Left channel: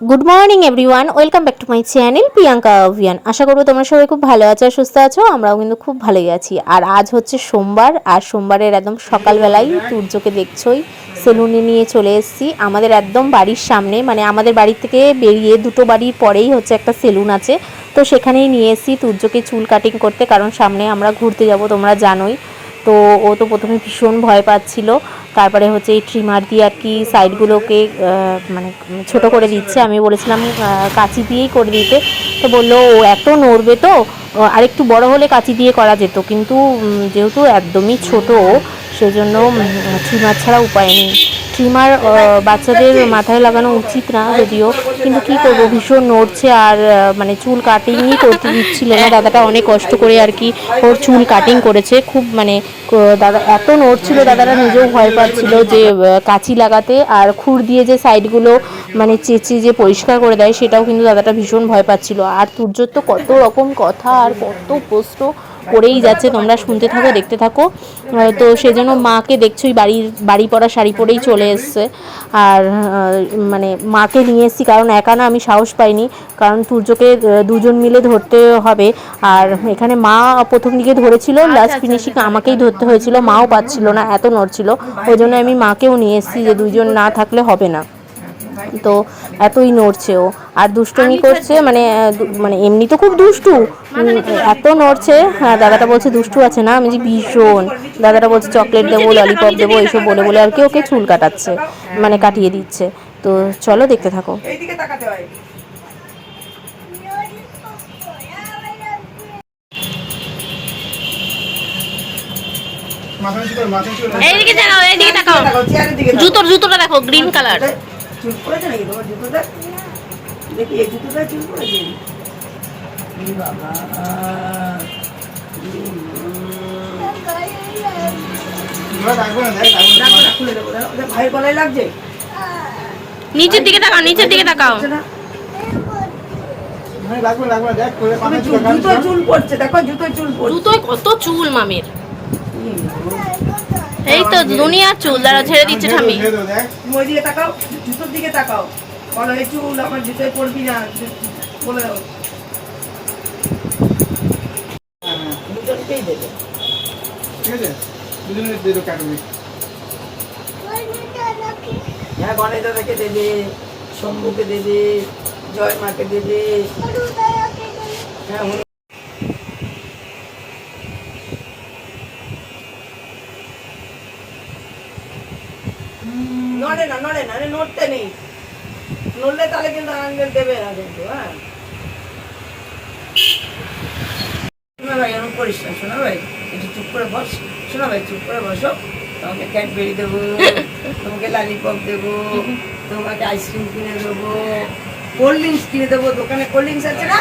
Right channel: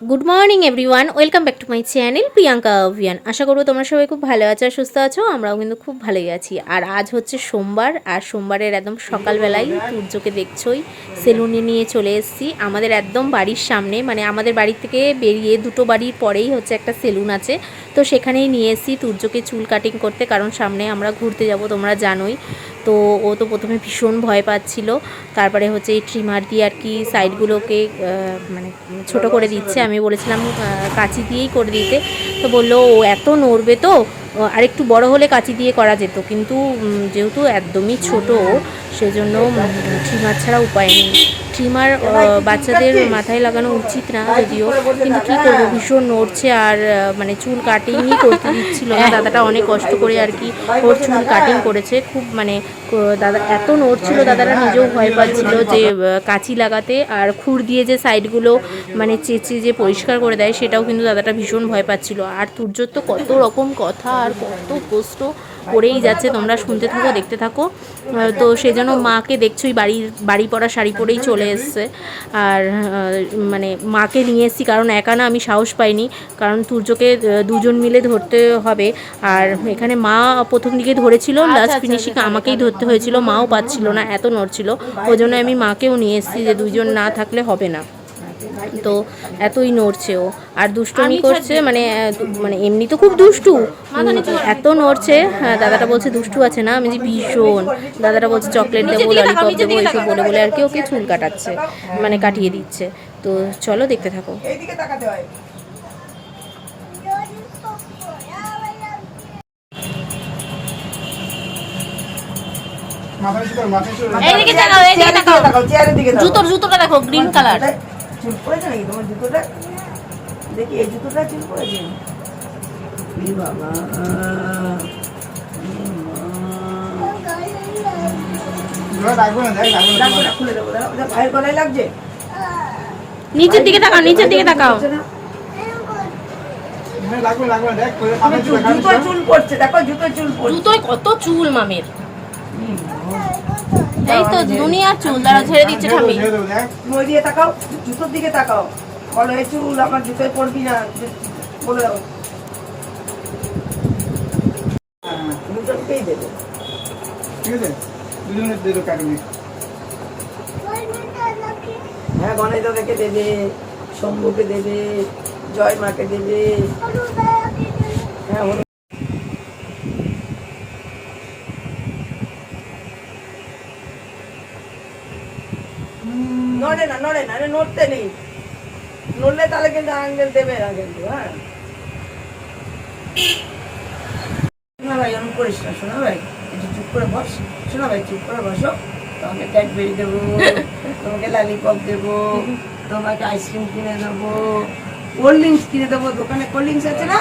Good morning everyone welcome back to my channel Priyanka অভিয়ান আশা করব তোমরা সবাই খুব ভালো আছো, সুস্থ আছো, আমরাও কিন্তু খুব ভালোই আছি। আর আজ হচ্ছে সোমবার, আর সোমবারের একদম সকালবেলায় সূর্যকে দেখছোই, সেলুনে নিয়ে চলে এসেছি। আমাদের একদম বাড়ির সামনে মানে আমাদের বাড়ি থেকে বেরিয়ে দুটো বাড়ির পরেই হচ্ছে একটা সেলুন আছে। তো সেখানেই নিয়ে এসেছি সূর্যকে চুল কাটিং করতে, কারণ সামনে আমরা ঘুরতে যাব, তোমরা জানোই। তো ও তো প্রথমে ভীষণ ভয় পাচ্ছিল। তারপরে হচ্ছে এই ট্রিমার দিয়ে আর কি সাইডগুলোকে মানে ছোট করে দিচ্ছে। আমি বলেছিলাম কাঁচি দিয়েই করে দিতে। তো বলল, ও এত নড়বে তো? আর আরেকটু বড় হলে কাঁচি দিয়ে করা যেত। কিন্তু যেহেতু একদমই ছোট সেজন্য ট্রিমার ছাড়া উপায় নেই। ট্রিমার বাচ্চাদের মাথায় লাগানো উচিত না যদিও, কিন্তু কী করব? ভীষণ নড়ছে আর মানে চুল কাটিংই করতে দিচ্ছিল না। দাদাটা অনেক কষ্ট করে আর কি ওর চুল কাটিং করেছে। খুব মানে দাদা এত নড়ছিল, দাদারা নিজেও ভয় পাচ্ছিল যে কাঁচি লাগাতে আর খুর দিয়ে যে সাইডগুলো মানে চেঁচে যে পরিষ্কার করে দেয়, সেটাও কিন্তু দাদাটা ভীষণ ভয় পাচ্ছিল। আর তুর্যর তো কত রকম কথা আর কত প্রশ্ন। করেই যাচ্ছে তোমরা শুনতে থাকো দেখতে থাকো। তো সেজন্য মাকে দেখছোই বাড়ি বাড়ি পরা শাড়ি পরেই চলে এসছে। আর মানে মাকে নিয়ে এসেছি কারণ একা না আমি সাহস পাইনি কারণ তুর্যকে আহ, দুজন মিলে ধরতে হবে। আর এখানে মা প্রথম দিকে ধরেছিল লাস্ট ফিনিশিং আমাকেই ধরতে হয়েছিল মাও পাচ্ছিল না এত নড়ছিল। ওই জন্য আমি মাকেও নিয়ে এসেছি যে দুইজন না থাকলে হবে না। তো এতই নড়ছে ও। আর দুষ্টুমি করছে মানে মানে এমনি তো খুব দুষ্টু। এত নড়ছে হ্যাঁ দাদাটা বলছে দুষ্টু আছে না? আমি যে ভীষণ। দাদাটা বলছে চকলেট দেবো ললিপপ দেবো এইসব বলে বলে আর কি ওকে চুল কাটাচ্ছে মানে কাটিয়ে দিচ্ছে। তো চলো দেখতে থাকো। হয়। জুতোর জুতোটা দেখো গ্রিন কালার মাথায় চুল পড়েছে নাকি? তোমার জুতোটা? দেখি এই জুতোটা চুল পড়েছে ই বাবা। ভাইয়ের গলায় লাগছে? নিচের দিকে তাকাও নিচের দিকে তাকাও। মাথায় চুল পড়ছে দেখো জুতোর চুল পড়ছে। জুতোয় কত চুল মামের। এই তো দুনিয়ার চুল দ্বারা ছেড়ে দিচ্ছে ঠামি ওই দিকে তাকাও জুতোর দিকে তাকাও। কলরে চুল আমার জুতোয় পড়বি না? বলে দাও। দুজনকেই দেবে ঠিক আছে দুজনে দিয়ে কাটবি হ্যাঁ গণেশ দাদাকে দেবে শম্ভুকে দেবে জয় মাকে দেবে হ্যাঁ নড়ে না নড়ে না নড়তে নেই। নড়লে তাহলে কিন্তু আঙ্গেল দেবে না কিন্তু হ্যাঁ। শোনা ভাই, এরকম করিস না ভাই। একটু চুপ করে বস। শোনা ভাই, চুপ করে বসো। তোমাকে ক্যাডবেরি দেবো, তোমাকে লালিপপ দেবো, তোমাকে আইসক্রিম কিনে দেবো কোল্ড ড্রিঙ্কস কিনে দেবো। দোকানে কোল্ড ড্রিঙ্কস আছে না?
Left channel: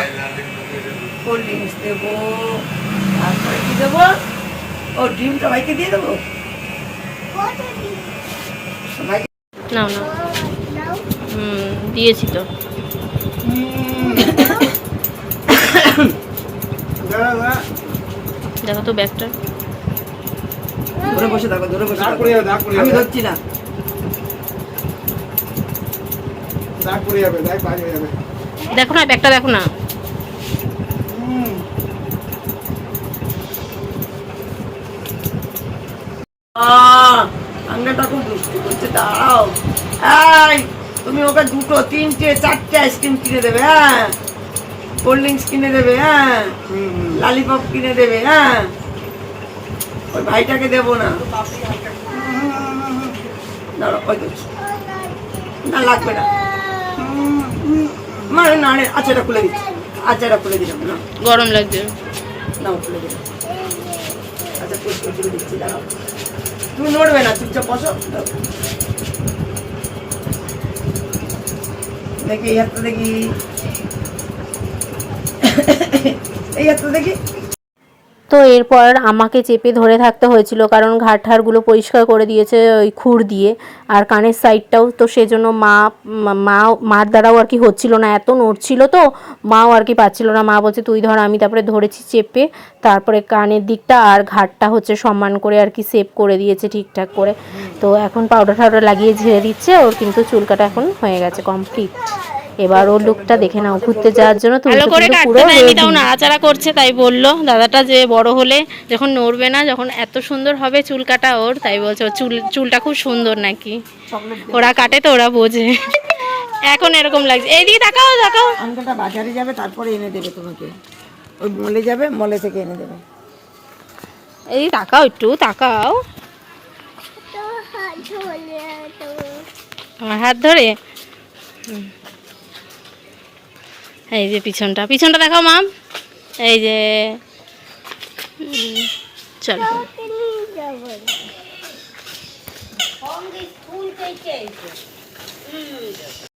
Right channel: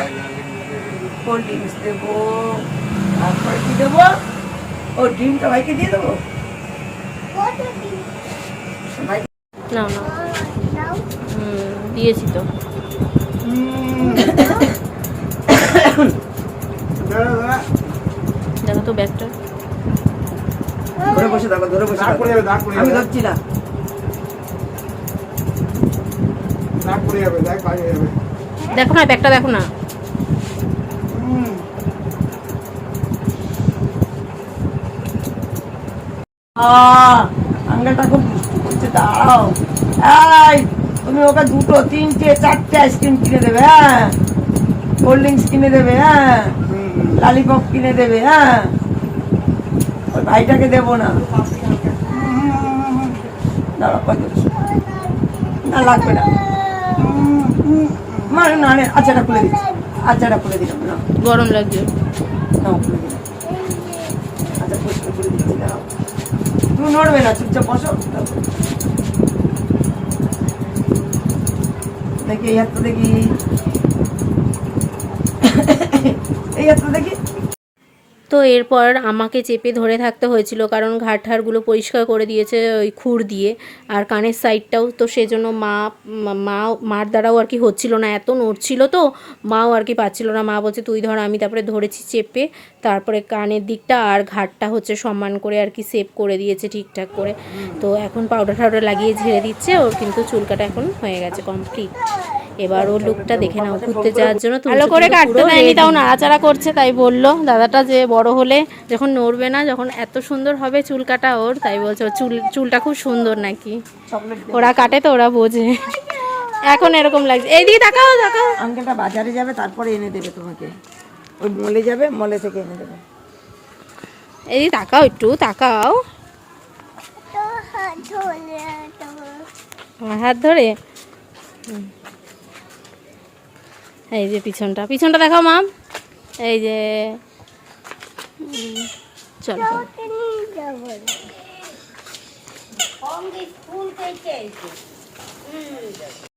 কোল্ড ড্রিঙ্কস দেবো। তারপরে কি দেবো? ও ড্রিমটা ভাইকে দিয়ে দেবো? নাও নাও। হুম দিয়েছি তো। দেখো তো ব্যাগটা। ধরে বসে থাকো ধরে বসে দাগ পড়ে যাবে দাগ পড়ে আমি ধরছি না। দাগ পড়ে যাবে দাগ বাইরে যাবে। দেখো না ব্যাগটা দেখো না হুম আঙ্গাটা খুব দুষ্টু করছে দাঁড়াও এই তুমি ওকে দুটো তিনটে চারটে আইসক্রিম কিনে দেবে হ্যাঁ? কোল্ড ড্রিঙ্কস কিনে দেবে হ্যাঁ? লালিপপ কিনে দেবে হ্যাঁ? ওই ভাইটাকে দেবো না। না লাগবে না। মানে না আচ্ছা এটা খুলে দিচ্ছি। আচ্ছা এটা খুলে দিলাম না গরম লাগছে না খুলে দিলাম। আচ্ছা পরিষ্কার দিচ্ছি তুমি নড়বে না চুপচাপ বসো। দেখি এই হাতটা দেখি এই হাতটা দেখি তো এরপর আমাকে চেপে ধরে থাকতে হয়েছিল, কারণ ঘাট ঠাড়গুলো পরিষ্কার করে দিয়েছে ওই খুর দিয়ে। আর কানের সাইডটাও তো সেজন্য মা, মা- মা মার দ্বারাও আর কি হচ্ছিল না। এত নড়ছিল তো, মাও আর কি পাচ্ছিল না। মা বলছে, তুই ধর, আমি তারপরে ধরেছি চেপে। তারপরে কানের দিকটা আর ঘাটটা হচ্ছে সম্মান করে আর কি সেভ করে দিয়েছে ঠিকঠাক করে। তো এখন পাউডার টাউডার লাগিয়ে ঝেড়ে দিচ্ছে। ওর কিন্তু চুলকাটা এখন হয়ে গেছে কমপ্লিট এবার ওর লুকটা দেখে নাও ঘুরতে যাওয়ার জন্য ভালো করে কাটতে পুরো দেয়নি তাও। নাড়াচাড়া করছে তাই বলল দাদাটা যে বড় হলে যখন নড়বে না যখন এত সুন্দর হবে চুল কাটা ওর তাই বলছে ওর চুল চুলটা খুব সুন্দর নাকি? ওরা কাটে তো ওরা বোঝে। এখন এরকম লাগছে। এইদিকে তাকাও তাকাও। আঙ্কেলটা বাজারে যাবে তারপরে এনে দেবে তোমাকে। ওই মলে যাবে মলে থেকে এনে দেবে। এইদিকে তাকাও একটু তাকাও। আমার হাত ধরে? হুম। এই যে পিছনটা। পিছনটা দেখো মাম। এই যে চলো।